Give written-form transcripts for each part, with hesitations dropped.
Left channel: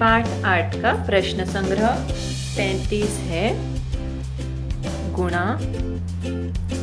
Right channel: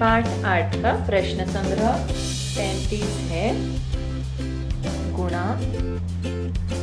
पाठ 8 का प्रश्न संग्रह 35 है, गुणा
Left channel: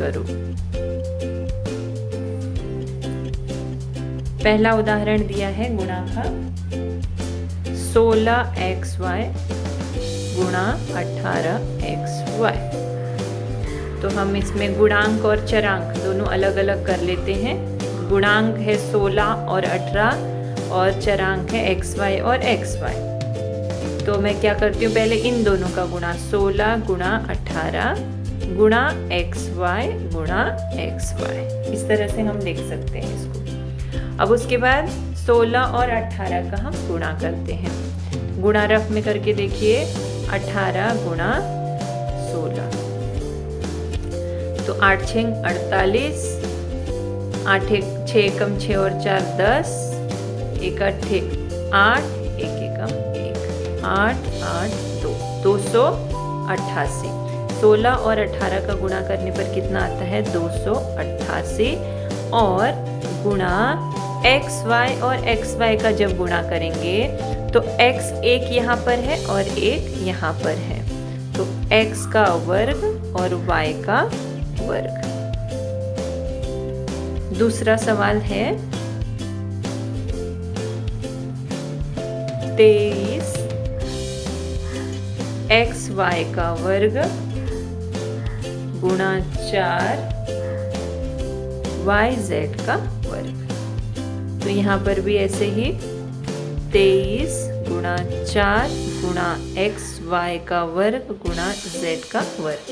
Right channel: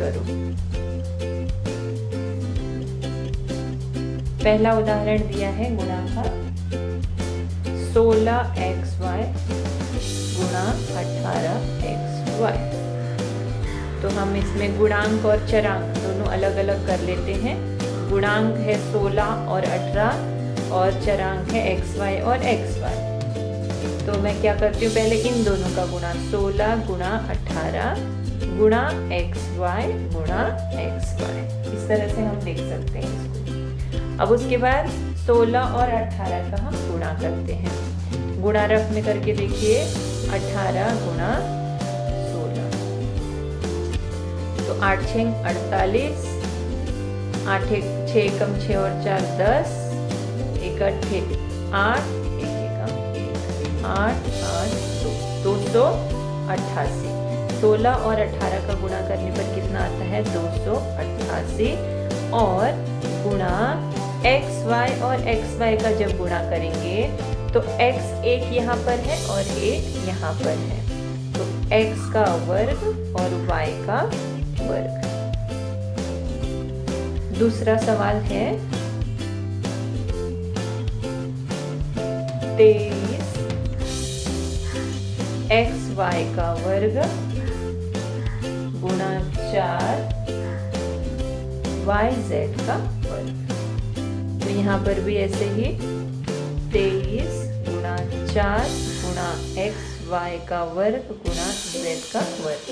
करो। पहला उदाहरण दिया है गुणा का 16xy गुणा 18xy। तो हम इसमें गुणांक और चरांक दोनों अलग अलग कर लेते हैं। गुणांक है 16 और 18 और चरांक है xy और xy। तो मैं क्या करती हूँ, पहले इन दोनों का गुणा 16 गुणा 18 गुणा xy गुणा xy, इस तरह से हम लिख सकते हैं इसको। अब उसके बाद 16 और 18 का हम गुणा करते हैं। गुणा रफ में करके देखिए, 18 गुणा 16 तो 8 6 48, 8 6 कम 6 और 4 10, 1 8 8, 1 1 8 8 2 288। 16 और 18 का गुणा करने पर कितना आता है, 288। और गुणा xy और xy का जब गुणा करेंगे तो x एक यहाँ पर है और एक यहाँ पर है, तो x का वर्ग और y का वर्ग। दूसरा सवाल है 23 xy का वर्ग गुणा 4 yz का वर्ग। तो यहाँ पर भी ऐसे ही 23 गुणा 4 गुणा xy का वर्ग गुणा z का वर्ग।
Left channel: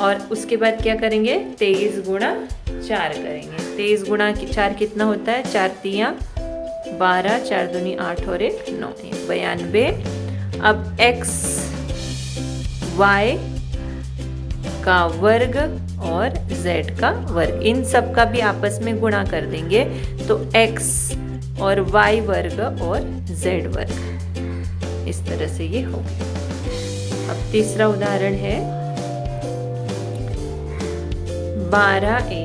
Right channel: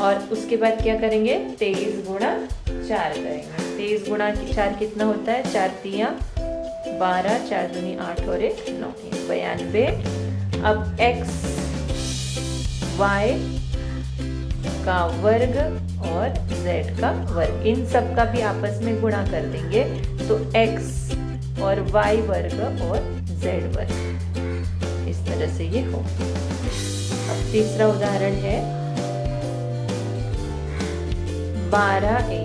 और उसके बाद क्या करेंगे, 23 गुणा 4 करेंगे। 23 गुणा 4 कितना होता है, 4 3 12, 4 दूनी 8 और 1 9, 92। अब x y का वर्ग और z का वर्ग, इन सब का भी आपस में गुणा कर देंगे तो x और y वर्ग और z वर्ग, इस तरह से ये हो। अब तीसरा उदाहरण है 12a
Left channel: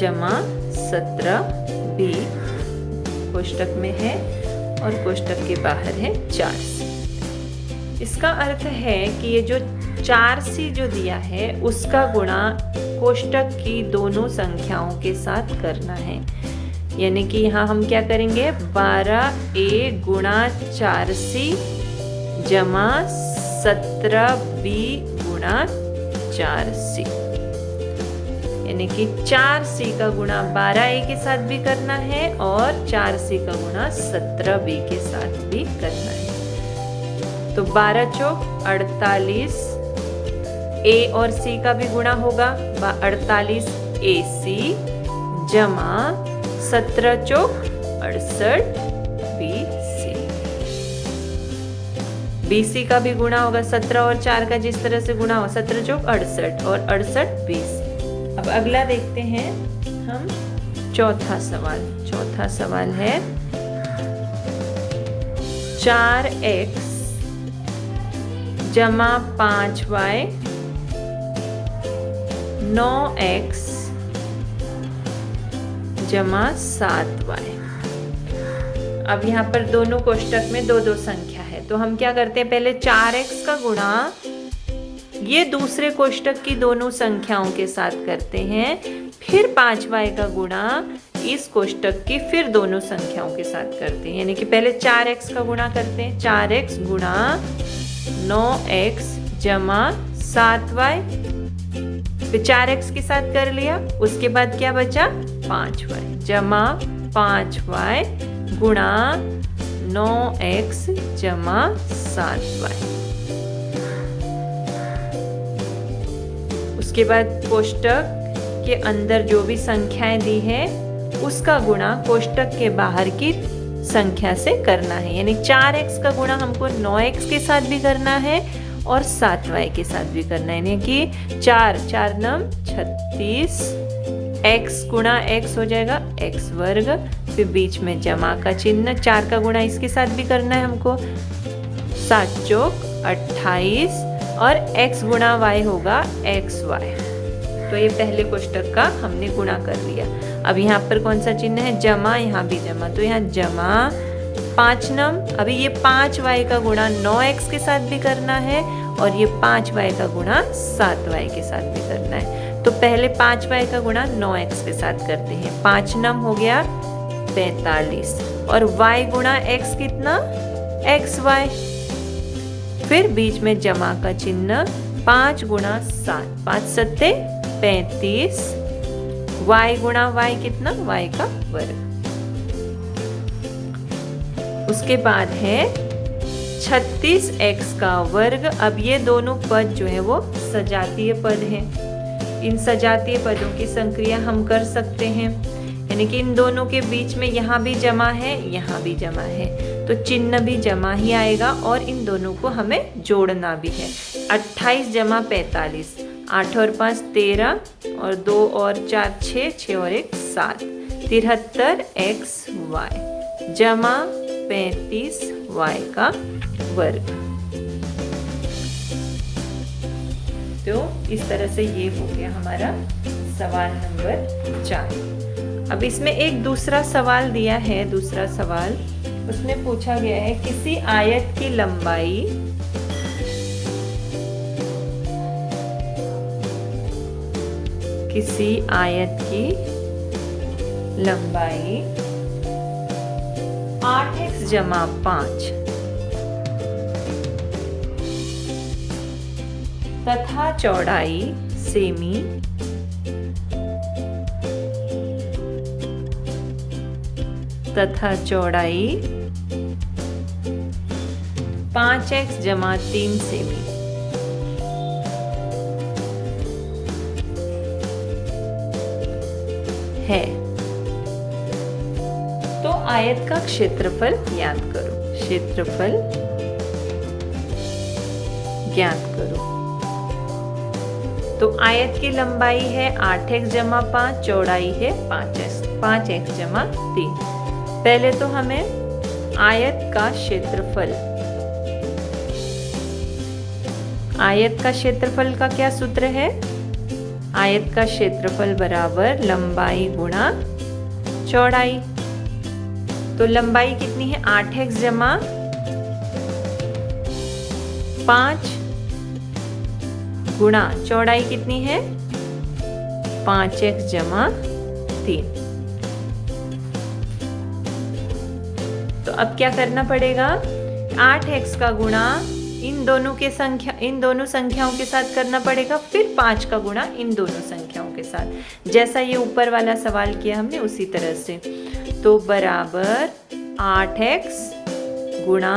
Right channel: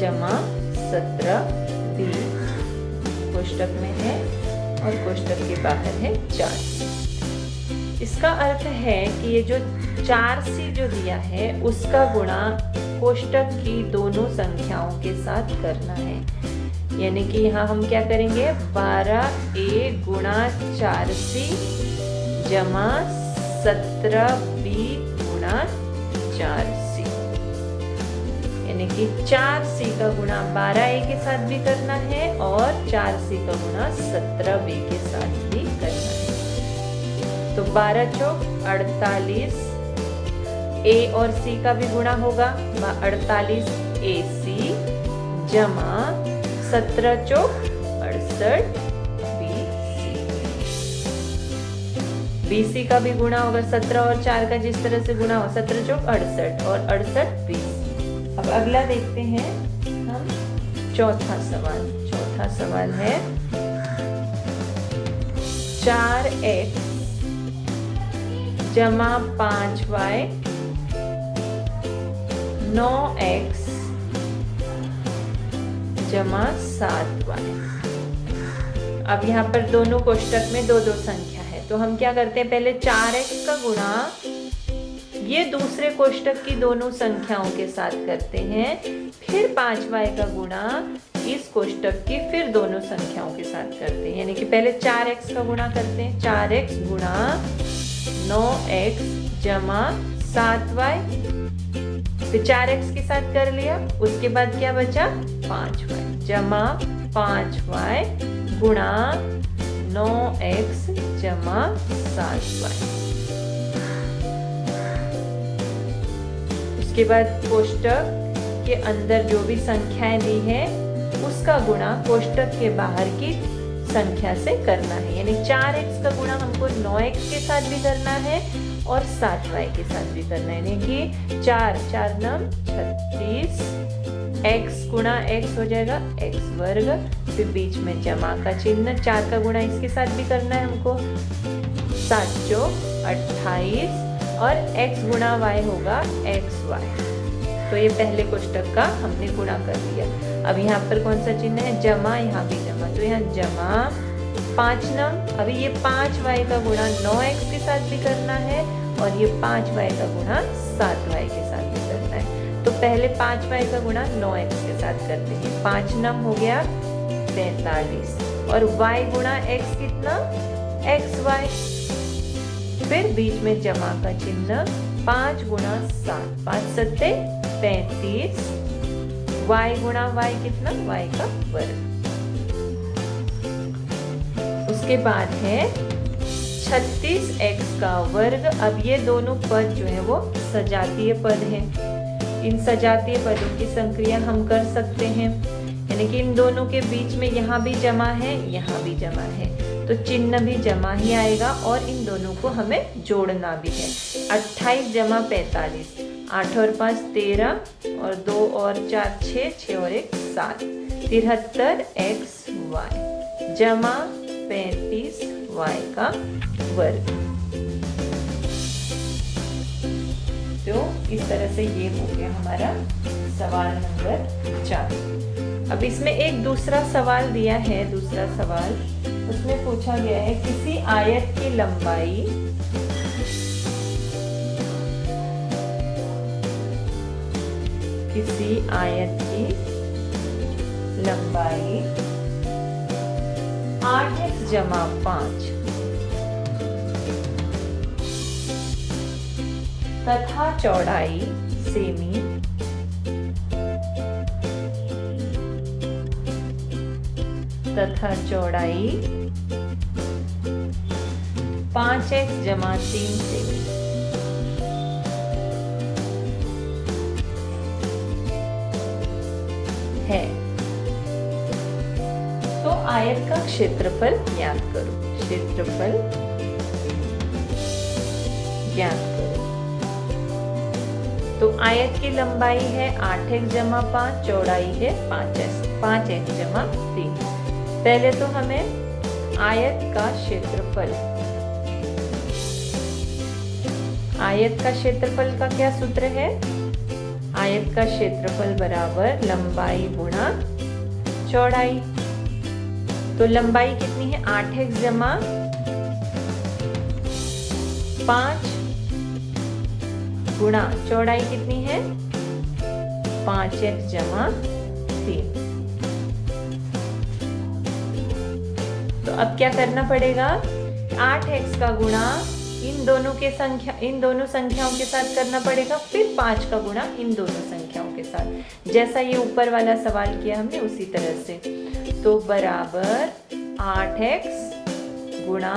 जमा 17b, कोष्टक में है और कोष्टक के बाहर है 4c। इसका अर्थ है कि ये जो 4c जो दिया है उसका गुणा कोष्टक की दोनों संख्याओं के साथ करना है। यानी कि यहाँ हम क्या करेंगे, 12a गुणा 4c जमा 17b गुणा 4c। यानी कि 4c का गुणा 12a के साथ भी करना है और 4c का गुणा 17b के साथ भी करना है। तो 12 चौक 48, a और c का भी गुणा होगा 48ac जमा 17 चौक 68 bc। bc का भी गुणा होगा 17 और 4 का जिस तरह से गुणा हो, 17 चौक 68 और 68 bc। अब अगला देखते हैं हम चौथा सवाल है 4x जमा 5y 9x जमा 7y। अब यहाँ पर दोनों कोष्टक में दो दो संख्या है, तो हम क्या करते हैं, पहले 4x का गुणा ये दूसरे कोष्टक की दोनों संख्याओं के साथ करते हैं, फिर 5y का गुणा इस कोष्टक की फिर दोनों संख्याओं के साथ करते हैं। यानी कि पहले 4x का गुणा करते हैं, 4x गुणा 9x जमा 7y, फिर 4x के साथ कर लिया, उसके बाद क्या बचा, 5y जमा 5y गुणा 9x जमा 7y। उसके बाद कोष्टक के अंदर जो भी संख्याएं दी हैं उसका गुणा कोष्टक के बाहर की संख्या से करना है। यानी 4x का गुणा हमको 9x के साथ भी करना है और 7y के साथ भी करना है। यानी कि 4 4 9 36, x गुणा x हो जाएगा x वर्ग, फिर बीच में जमा का चिन्ह, 4 का गुणा इसके साथ भी करना है हमको, 7 चौक 28 और x गुणा y होगा xy। तो ये पहले कोष्टक का हमने गुणा कर लिया। अब यहाँ पर कौन सा चिन्ह है, जमा, यहाँ भी जमा, तो यहाँ जमा 5 नम। अभी ये 5y का गुणा 9x के साथ भी करना है और ये 5y का गुणा 7y के साथ भी करना है। तो पहले 5y का गुणा 9x के साथ करते हैं। 5 नम हो गया 45 और y गुणा x कितना, xy। फिर बीच में जमा का चिन्ह, 5 गुणा 7, 5 सत्ते 35, y गुणा y कितना, y का वर्ग। उसके बाद है 36x का वर्ग। अब ये दोनों पद जो है वो सजातीय पद हैं। इन सजातीय पदों की संक्रिया हम कर सकते हैं, यानी कि इन दोनों के बीच में यहाँ भी जमा है, यहाँ भी जमा है, तो चिन्ह भी जमा ही आएगा और इन दोनों को हमें जोड़ना भी है। 28 जमा 45, 8 और 5 13 और 2 और 4 6, 6 और 1 7, 73xy जमा 35y का वर्ग। तो इस तरह से ये हो गया हमारा सवाल नंबर 4। अब इसमें एक दूसरा सवाल दिया है, दूसरा सवाल उसमें पूछा गया है किसी आयत की लंबाई किसी आयत की लंबाई 8x जमा 5 तथा चौड़ाई सेमी तथा चौड़ाई 5x जमा 3 सेमी है, तो आयत का क्षेत्रफल ज्ञात करो। क्षेत्रफल ज्ञात करो। तो आयत की लंबाई है 8x जमा 5, चौड़ाई है 5x जमा 3। पहले तो हमें आयत का क्षेत्रफल, आयत का क्षेत्रफल का क्या सूत्र है, आयत का क्षेत्रफल बराबर लंबाई गुणा चौड़ाई। तो लंबाई कितनी है 8x जमा 5 गुणा चौड़ाई कितनी है 5x जमा 3। तो अब क्या करना पड़ेगा, 8x का गुणा इन दोनों संख्याओं के साथ करना पड़ेगा, फिर 5 का गुणा इन दोनों संख्याओं के साथ, जैसा ये ऊपर वाला सवाल किया हमने उसी तरह से। तो बराबर 8x गुणा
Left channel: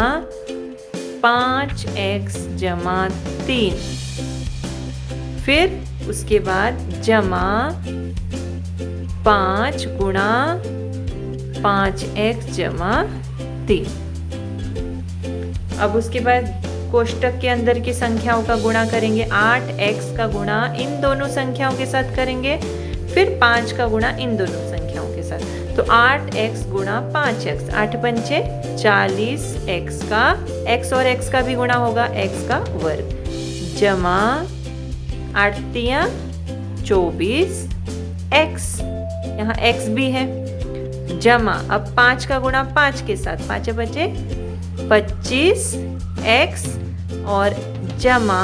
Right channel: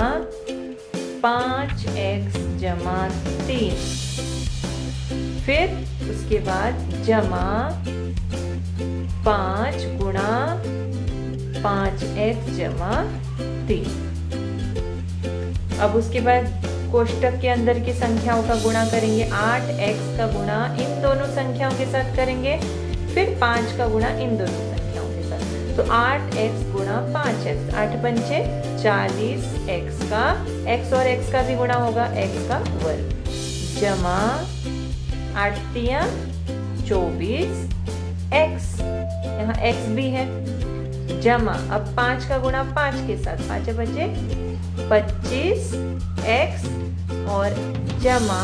5x जमा 3, फिर उसके बाद जमा 5 गुणा 5x जमा 3। अब उसके बाद कोष्टक के अंदर की संख्याओं का गुणा करेंगे, 8x का गुणा इन दोनों संख्याओं के साथ करेंगे, फिर 5 का गुणा इन दोनों संख्याओं के साथ। तो 8x गुणा 5x, 8 पंचे 40, x का x और x का भी गुणा होगा, x का वर्ग, जमा 8 तिया 24 x, यहाँ x भी है, जमा अब 5 का गुणा 5 के साथ, 5 बचे 25 x और जमा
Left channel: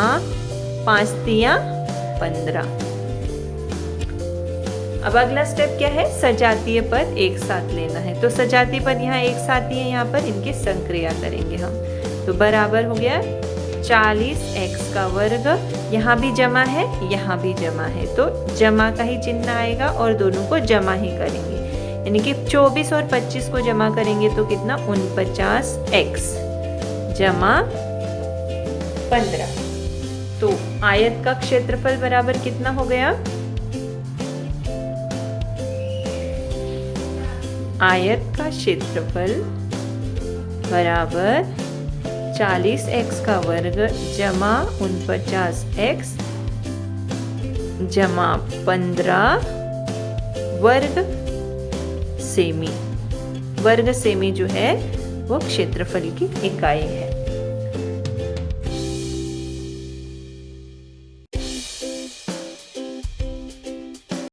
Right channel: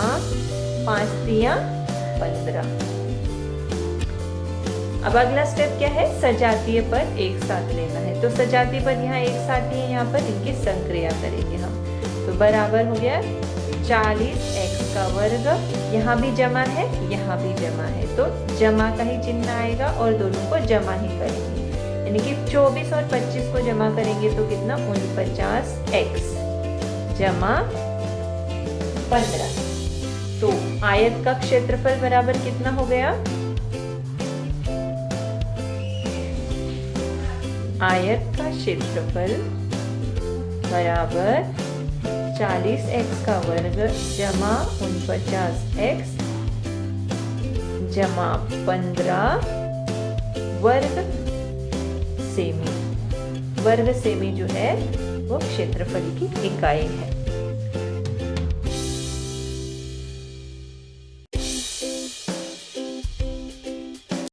5 तिया 15। अब अगला स्टेप क्या है, सजातीय पद एक साथ लेना है। तो सजातीय पद यहाँ एक साथ ही है, यहाँ पर इनकी संक्रिया करेंगे हम। तो बराबर हो गया 40x का वर्ग, यहाँ भी जमा है, यहाँ भी जमा है, तो जमा का ही चिन्ह आएगा और दोनों को जमा ही करेंगे, यानी कि 24 और 25 को जमा करेंगे तो कितना 49x जमा 15। तो आयत का क्षेत्रफल बराबर कितना हो गया, आयत का क्षेत्रफल बराबर 40x का वर्ग जमा 49x जमा 15 वर्ग सेमी। वर्ग सेमी जो है वो क्षेत्रफल की इकाई है।